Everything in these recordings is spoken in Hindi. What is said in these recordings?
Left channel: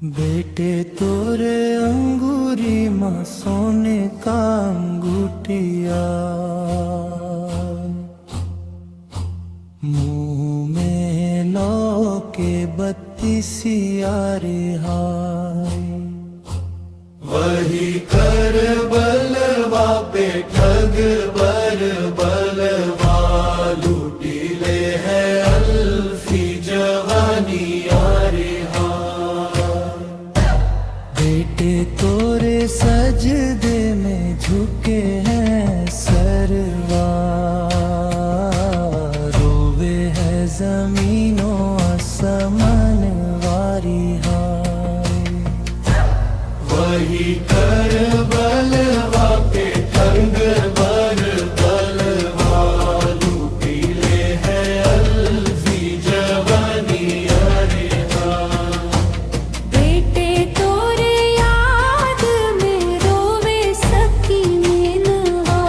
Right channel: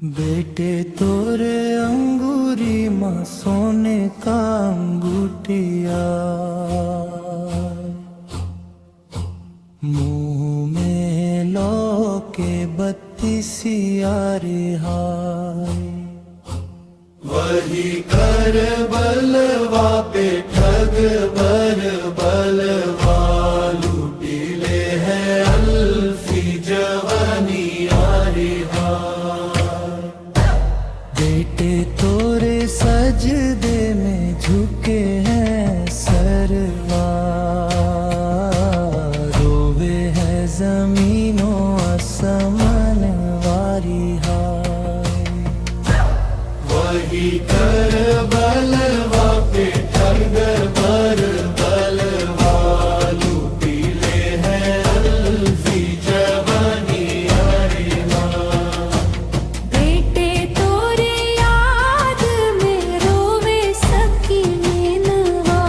बेटे तोरे अंगूरी माँ सोने का अंगूठिया, मुंह में लो के बत्तीसिया रिहाई। वही कर बलवा पे ठग बर बलवा, लूटी ले है अल्फी जवानिया रिहाई। बेटे तोरे सजदे में झुके हैं सरवा, रोवे है जमीनों आसमान वारी हाय। वही कर बलवा पे ठगर बर बलवा, लूटी ले है अल्फी जवानिया रिहाई। बेटे तोरे याद में रोवे सकीनवा,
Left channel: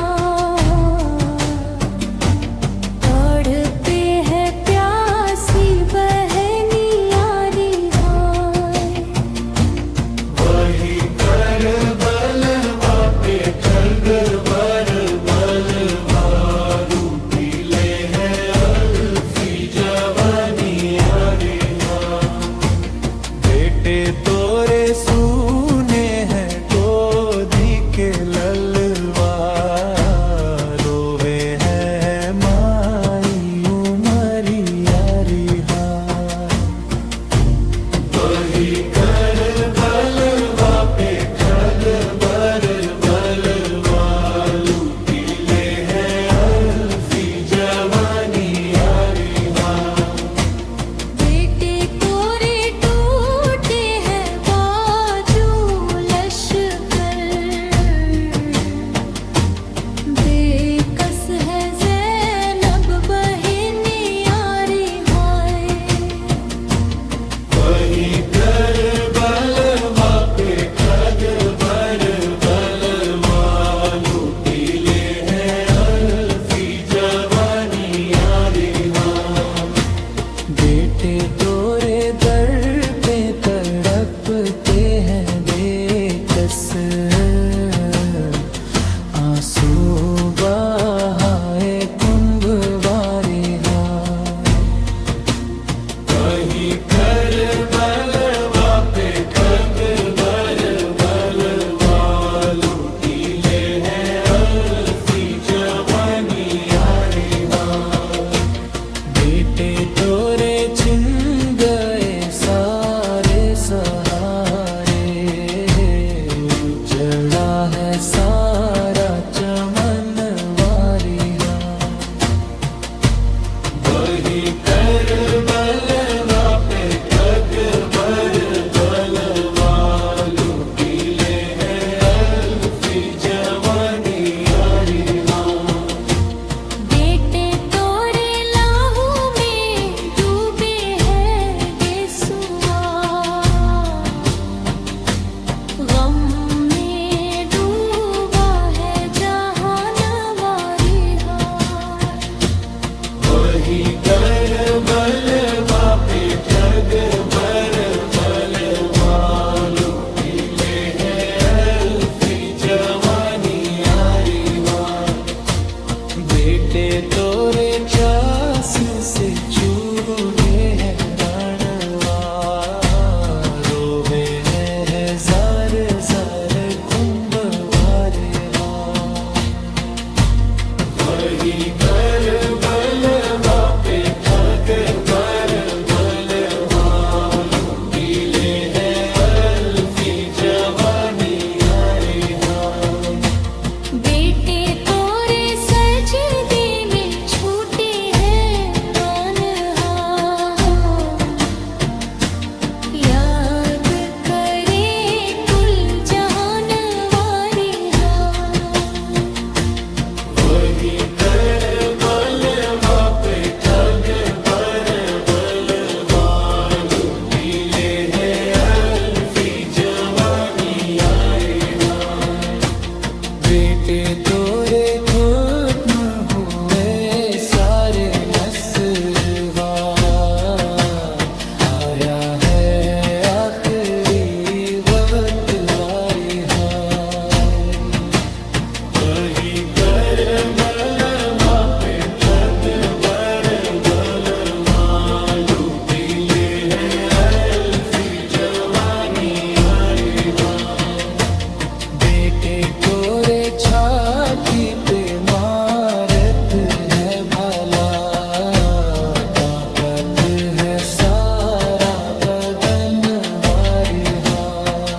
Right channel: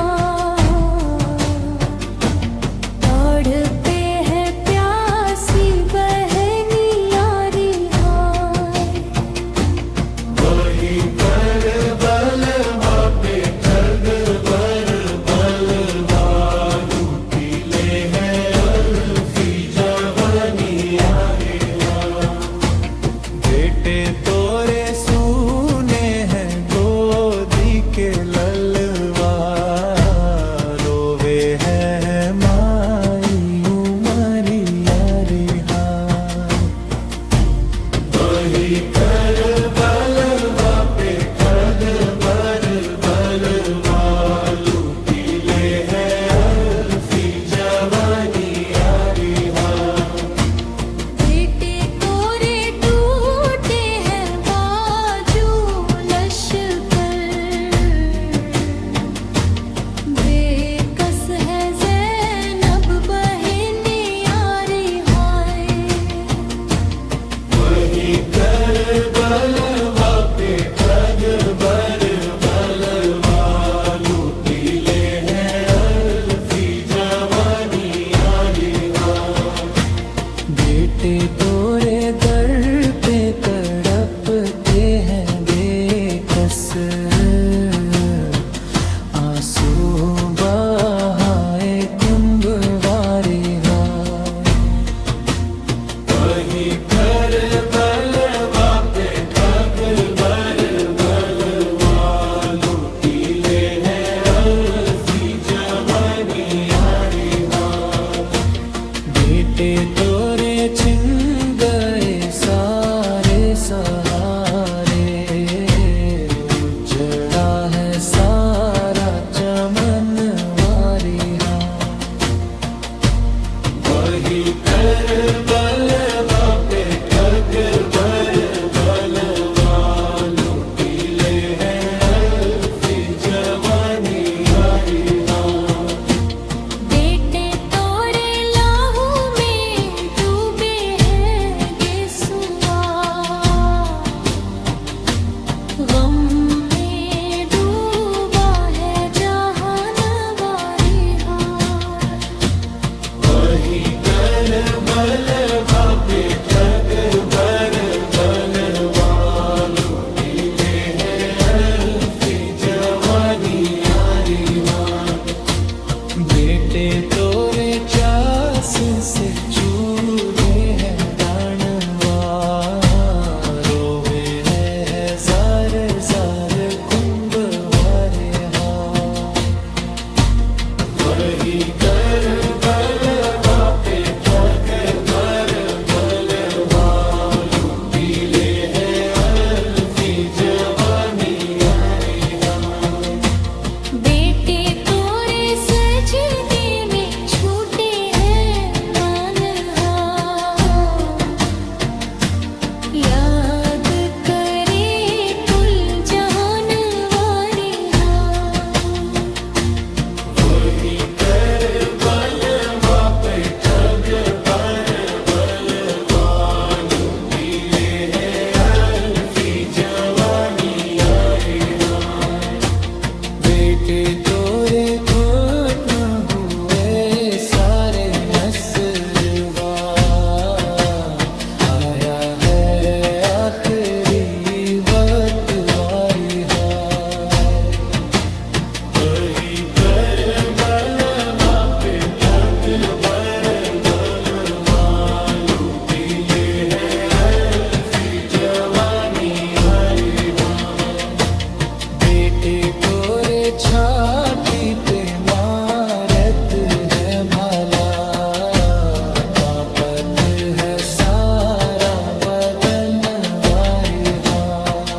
तड़पे है प्यासी बहनिया रिहाई। वही कर बलवा पे ठगर बर बलवा, लूटी ले है अल्फी जवानिया रिहाई। बेटे तोरे सूने हैं गोदी के ललवा, रोवे है माई उमरिया रिहाई। वही कर बलवा पे ठगर बर बलवा, लूटी ले है अल्फी जवानिया रिहाई। बेटे तोरे टूटे हैं बाजू लश्कर, बेकस है ज़ैनब बहनिया रिहाई। वही कर बलवा पे ठगर बर बलवा, लूटी ले है अल्फी जवानिया रिहाई। बेटे तोरे दर पे तड़पते हैं बेकस, आंसू बहाए कुंभ वारे हाय। वही कर बलवा पे ठगर बर बलवा, लूटी ले है अल्फी जवानिया रिहाई। बेटे तोरे छिन गए सारे सहारे, उजड़ा है सारा चमन वारी हाय। वही कर बलवा पे ठगर बर बलवा, लूटी ले है अल्फी जवानिया रिहाई। बेटे तोरे लाहू में डूबे हैं गेसुआ, गम में डूबा है जहानवा रिहाई। वही कर बलवा पे ठगर बर बलवा, लूटी ले है अल्फी जवानिया रिहाई। बेटे तोरे चास से चूड़े हैं राणवा, रोवे है जार जार कुंभ वारे हाय। वही कर बलवा पे ठगर बर बलवा, लूटी ले है अल्फी जवानिया रिहाई। बेटे तोरे सजदे में छूटे हैं वानहा, याद करे कुल जहान वारी हाय। वही कर बलवा पे ठगर बर बलवा, लूटी ले है अल्फी जवानिया रिहाई। बेटे तोरे खत्म हुए सारे नस्वा, आया है आखिरी की पे मारत है भाला, कांपत है सारा बदन वारिहा।